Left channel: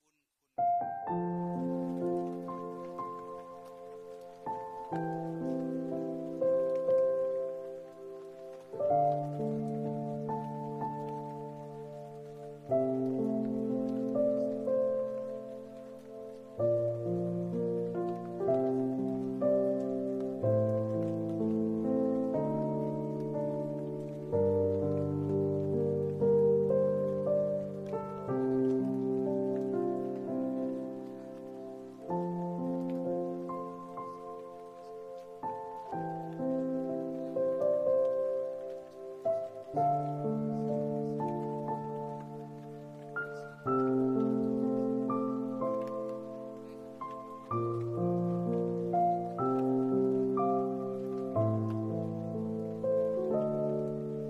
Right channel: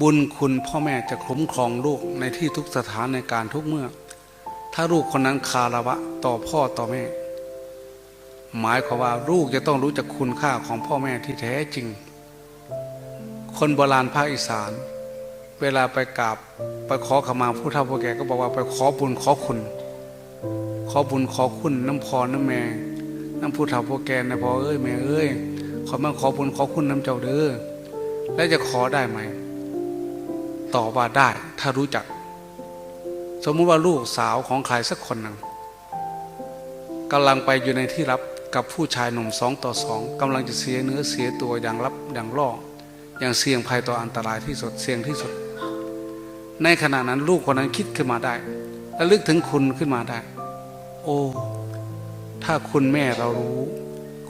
บุญคุณพ่อแม่จะคุ้มครองลูกในที่ทุกสถานในการทุกเมื่อ ถ้าลูกคนนั้นคารวะต่อพ่อต่อแม่ หมายความว่าลูกจะต้องรู้จักคุณค่าของพ่อแม่ที่แท้จริง คนโบราณภาคอีสาน เวลาไปกราบไปขอขมาผู้เฒ่าผู้แก่ก็บอกว่าไปขอบุญขอคุณ ขอบุญขอคุณน้ำพรน้ำแม่น้ำผู้เฒ่าผู้แก่นะพ่อเอ้ยแม่เอ้ยขอมาขอบุญขอคุณน้ำเจ้าเด้อแล้วจะขอได้ไหม ตอบว่าได้ ถ้ารู้จัก สมมุติว่าลูกสาวของใครสักคนหนึ่งกำลังไปอยู่ในที่รับกับผู้ชายหนุ่มสองต่อสองกำลังจะเสียเนื้อเสียตัวอย่างลับอย่างล่ออย่างเสี่ยงภัยต่ออันตรายที่สุดเสี่ยงที่สุด ในขณะนั้นลูกคนนั้นคิดขึ้นมาได้และลึกถึงคุณขึ้นมาได้ โอ้ ถ้าคุณแม่เรารู้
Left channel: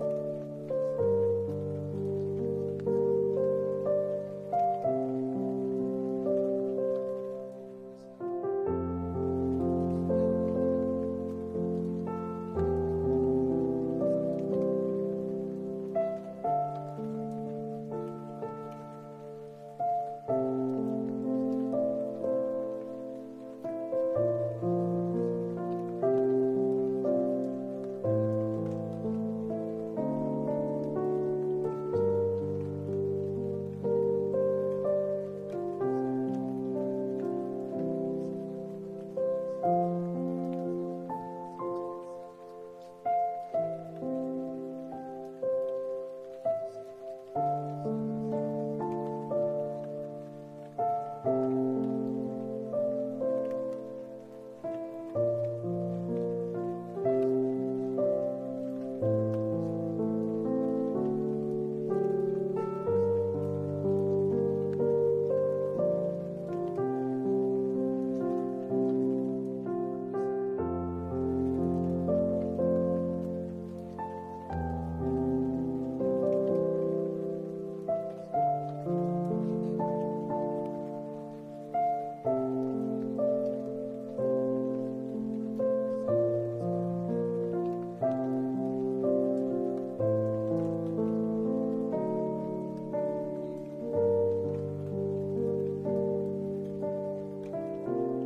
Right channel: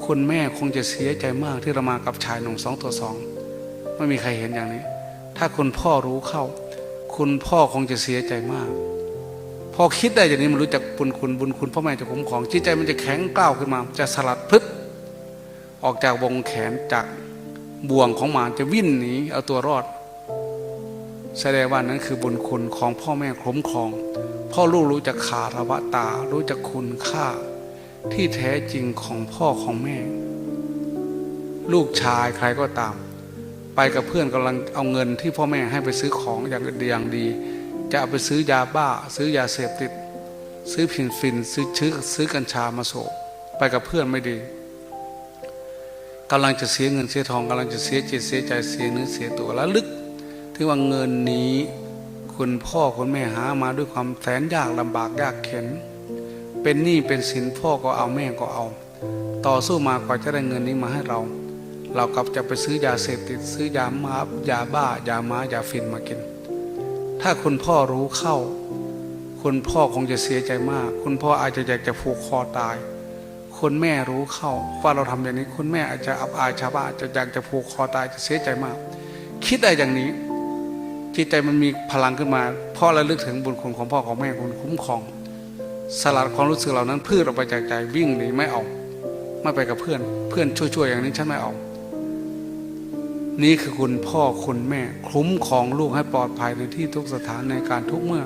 คุณแม่คงจะเสียใจมากที่เรามากับชายหนุ่มสองต่อสองไม่มีใครเห็นอย่างนี้ ถ้าคุณพ่อรู้เข้า คุณพ่อคงจะเสียใจมาก พอคิดได้อย่างนี้มันรู้จักบุญคุณบุญคุณพ่อแม่จะคุ้มครองจิตใจมันจะแข็งกล้าวขึ้นมา จะสลัดพลึดออกจากวงแขนจากบ่วงของหมาจะวิ่นหนีเอาตัวรอด แสดงว่านั้นคือบุญคุณของพ่อแม่คุ้มครอง พ่อลูกรู้จักขาระวะตา รู้จักคุณค่า ที่แท้จริงของพ่อของแม่ ลูกชายใครก็ตาม ไปกับเพื่อนกำลังเอาเงินที่พ่อแม่ให้ไปซื้อของอย่างดีอย่างดี จะเอาไปซื้อยาบ้า ซื้อยาเสพติด ซื้อผินฟิน ซื้อชื้อซื้อกัญชามาโสบไปกับเพื่อนไม่ดีกำลังจะเสียเงินเสียทองกำลังจะเสียจิตเสียใจเสียเนื้อเสียตัวแล้วลึกที่ว่าเงินนี้คุณพ่อคุณแม่หามาด้วยความแสนยากลำบากยากเข็น เป็นหนี้เป็นสินพ่อก็เอาแม่ก็เอา ต่อสู้มากว่าจะได้เงินนี้มาให้เรา เรากลับจะไปซื้อยาเสพติดซื้อยามายาบ้ายาม้ายาฟินมากิน ถ้าคุณพ่อรู้เข้า คุณพ่อคงจะเสียใจมาก คุณพ่ออาจจะอยากจะผูกคอตาย คุณแม่รู้เข้าว่าเราทำอย่างนี้ คุณแม่อาจจะอับอายชาวบ้านจะอยากจะผูกคอตายจะเสียใจมาก คิดได้อย่างนี้ จิตใจมันมีพลังขึ้นมาพราะระลึกถึงบุญคุณของพ่อของแม่คุณคุ้มครอง สลัดความรู้สึกเหล่านั้นพืชออกไปจากใจวิ่งหนีไม่เอาไม่ไปกับเพื่อน เพื่อนช่วยๆอย่างนี้ฉันไม่เอา นี่คือคุณพ่อคุณแม่ คุ้มของลูกให้ปลอดภัยในที่ทุกสถานในการทุกเมื่อ